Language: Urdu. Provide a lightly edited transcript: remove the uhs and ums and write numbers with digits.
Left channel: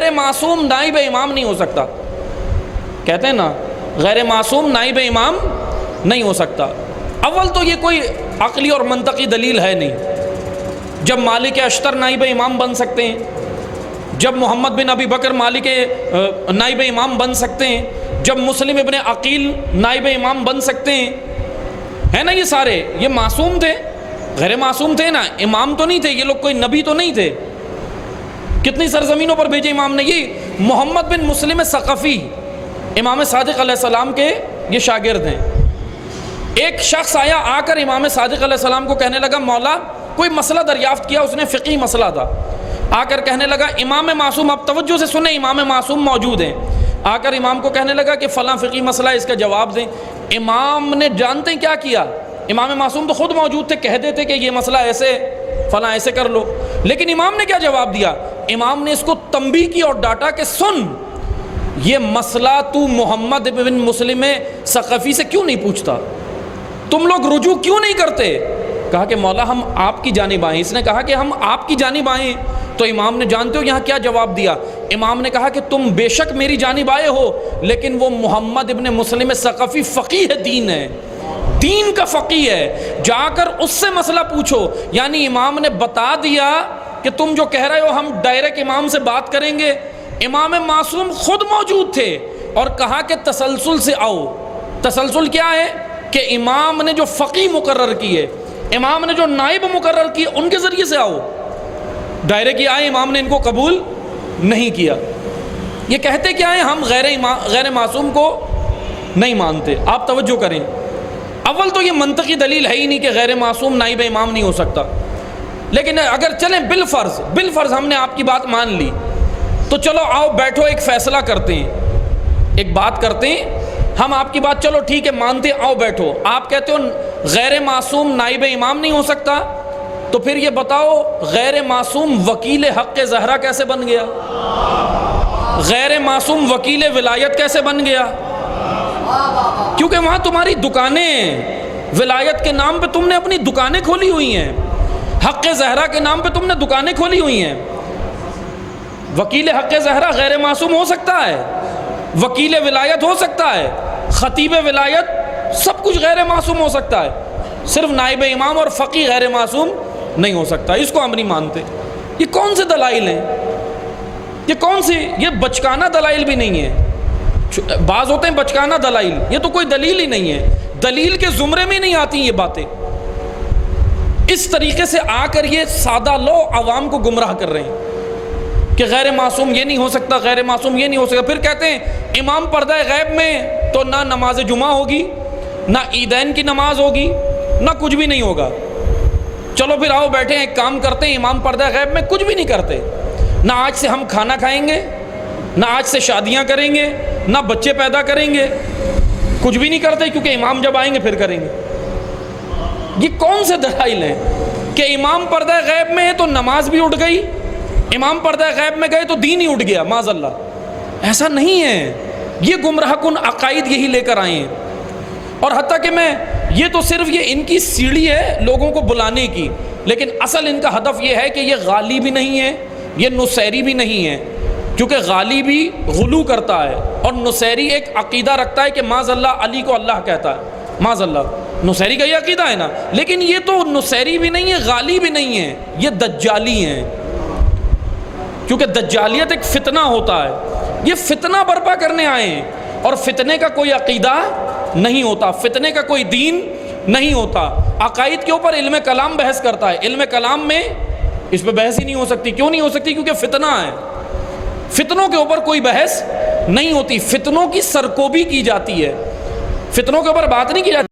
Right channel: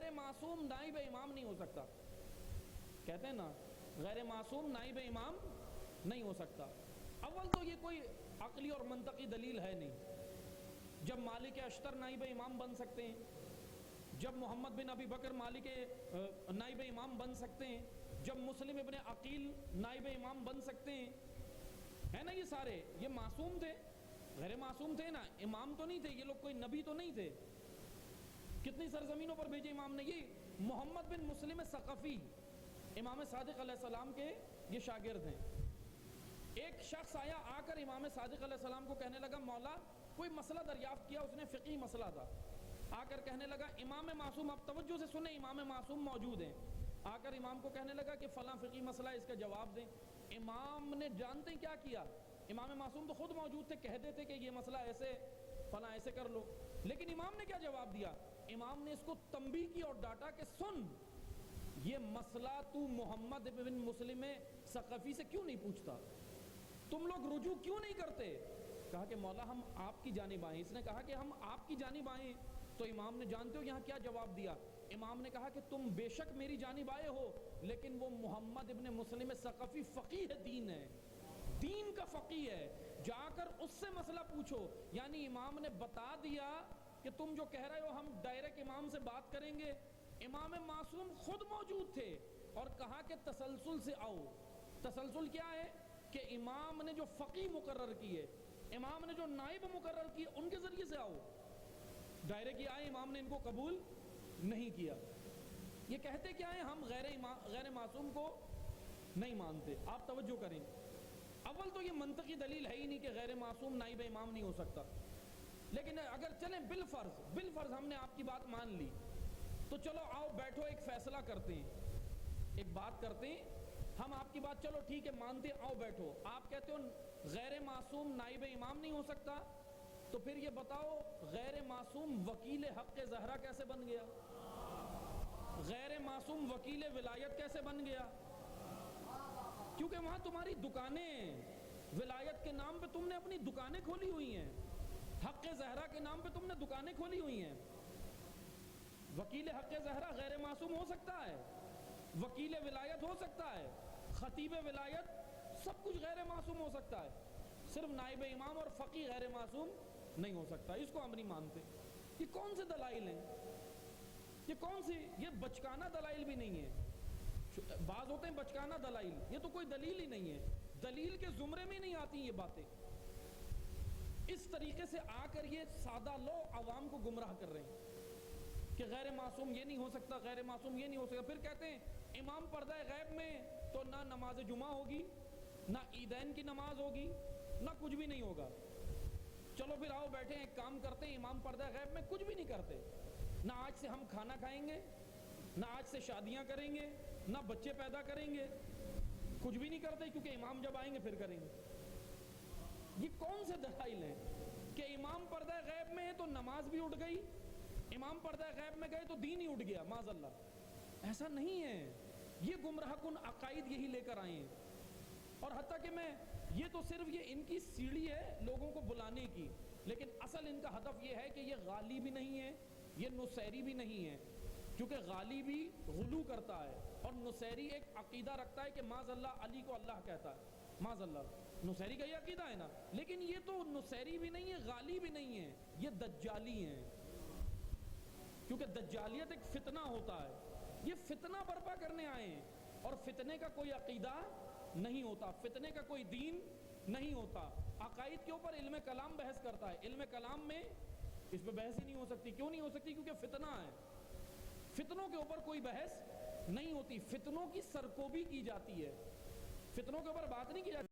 غیر معصوم نائب امام نہیں ہو سکتا. کہتے ہیں نا غیر معصوم نائب امام نہیں ہو سکتا. اول تو یہ کوئی عقلی اور منطقی دلیل ہے نہیں. جب مالک اشتر نائب امام بن سکتے ہیں, جب محمد بن ابی بکر مالک نائب امام بن سکتے ہیں, جب مسلم ابن عقیل نائب امام بن سکتے ہیں, ہے نا, یہ سارے یہ معصوم تھے, غیر معصوم تھے نا, امام تو نہیں تھے یہ لوگ, کوئی نبی تو نہیں تھے. کتنی سرزمینوں پر بھیجے امام نے. یہ محمد بن مسلم ثقفی امام صادق علیہ السلام کے یہ شاگرد ہیں. ایک شخص آیا, آ کر امام صادق علیہ السلام کو کہنے لگا مولا, کوئی مسئلہ دریافت کیا, اس نے فقہی مسئلہ تھا, آ کر کہنے لگا امام معصوم, اب توجہ سے سنیں, امام معصوم موجود ہیں, آ کر امام کو کہنے لگا کہ فلاں فقہی مسئلہ ہے, اس کا جواب دیں. امام نے جانتے ہیں کیا کیا, امام معصوم تو خود موجود تھے, کہہ دیتے کہ یہ مسئلہ ایسے فلاں ایسے کر لو, لیکن امام نے کیا جواب دیا, امام نے اس کو تنبیہ کی اور ڈانٹا کہ سن, یہ مسئلہ تو محمد بن مسلم ثقفی سے کیوں نہیں پوچھتا, تم لوگ رجوع کیوں نہیں کرتے. کہا کہ مولا ہم آپ کی جانب آئیں. اس نے کہا کہ ہم آپ کی جانب آئیں, تو امام نے جانتے ہو یہاں کیا جواب دیا, امام نے کہا کہ تم بے شک میری جانب آئے ہو, لیکن وہ محمد ابن مسلم ثقفی فقیہ دین ہے, دین کا فقیہ ہے, جا کر اس سے مسئلہ پوچھو. یعنی امام نے بتا دیا کہ تم جو کہہ رہے ہو ہم ڈائریکٹ امام سے بات کریں گے. امام معصوم خود موجود تھے اور کہا کہ تسلسل سے آؤ. تسلسل کیا ہے کہ امام نے جو فقی مقرر کیے, امام نے جو نائب مقرر کیے, ان کے ذریعے سے آؤ. ڈائریکٹ آئے, امام نے ان کو قبول نہیں کیا. یہ کہتے کیا ہیں, ہم غیر معصوم کو نہیں مانتے. آپ توجہ کریں, اول تو یہ منطقی دلیل ہے ہی نہیں کہ غیر معصوم نائب امام نہیں ہو سکتا. لیکن اگر چلیں بالفرض ہم نے آپ کی بات مان لی, تو چلو آؤ بیٹھو, ایک فیصلہ کرتے ہیں, ایک بات کرتے ہیں, ہم آپ کی بات چلو ٹھیک ہے مانتے ہیں, آؤ بیٹھو. آپ کہتے ہو غیر معصوم نائب امام نہیں ہو سکتا, تو پھر یہ بتاؤ غیر معصوم وکیل حق زہرا کیسے بن گیا, غیر معصوم وکیل ولایت کیسے بن گیا. کیونکہ وہاں تمہاری دکانیں, ولایت کے نام پہ تم نے اپنی دکانیں کھولی ہوئی ہیں, حق زہرا کے نام پہ تم نے دکانیں کھولی ہوئی ہیں. وکیل حق زہرا غیر معصوم ہو سکتا ہے, وکیل ولایت ہو سکتا ہے, خطیب ولایت, سب کچھ غیر معصوم ہو سکتا ہے, صرف نائب امام اور فقی غیر معصوم نہیں ہو سکتا. اس کو ہم نہیں مانتے. یہ کون سے دلائل ہیں, یہ کون سی, یہ بچکانہ دلائل بھی نہیں ہے. بعض ہوتے ہیں بچکانہ دلائل, یہ تو کوئی دلیل ہی نہیں ہے, دلیل کے زمرے میں نہیں آتی یہ باتیں. اس طریقے سے آ کر یہ سادہ لو عوام کو گمراہ کر رہے ہیں کہ غیر معصوم یہ نہیں ہو سکتا, غیر معصوم یہ نہیں ہو سکتا. پھر کہتے ہیں امام پردہ غیب میں تو نہ نماز جمعہ ہوگی, نہ عیدین کی نماز ہوگی, نہ کچھ بھی نہیں ہوگا. چلو پھر آؤ بیٹھے ہیں, ایک کام کرتے ہیں, امام پردہ غیب میں کچھ بھی نہیں کرتے, نہ آج سے ہم کھانا کھائیں گے, نہ آج سے شادیاں کریں گے, نہ بچے پیدا کریں گے, کچھ بھی نہیں کرتے, کیونکہ امام جب آئیں گے پھر کریں گے. یہ کون سے دلائل ہیں کہ امام پردہ غیب میں ہے تو نماز بھی اٹھ گئی, امام پردہ غیب میں گئے تو دین ہی اٹھ گیا, معاذ اللہ. ایسا نہیں ہے. یہ گمراہ کن عقائد یہی لے کر آئے ہیں. اور حتیٰ کہ یہ تو صرف یہ ان کی سیڑھی ہے لوگوں کو بلانے کی, لیکن اصل ان کا ہدف یہ ہے کہ یہ غالی بھی نہیں ہے, یہ نصیری بھی نہیں ہے. کیونکہ غالی بھی غلو کرتا ہے اور نصیری ایک عقیدہ رکھتا ہے کہ معاذ اللہ علی کو اللہ کہتا ہے, معاذ اللہ. نصیری کا یہ عقیدہ ہے نا, لیکن یہ تو نصیری بھی نہیں ہے, غالی بھی نہیں ہے, یہ دجالی ہیں. کیونکہ دجالیت ایک فتنہ ہوتا ہے, یہ فتنہ برپا کرنے آئے ہیں, اور فتنے کا کوئی عقیدہ نہیں ہوتا, فتنے کا کوئی دین نہیں ہوتا. عقائد کے اوپر علم کلام بحث کرتا ہے, علم کلام میں اس پہ بحث ہی نہیں ہو سکتی. کیوں نہیں ہو سکتی؟ کیونکہ فتنہ ہے, فتنوں کے اوپر کوئی بحث نہیں ہوتی, فتنوں کی سرکوبی کی جاتی ہے, فتنوں کے اوپر بات نہیں کی جاتی.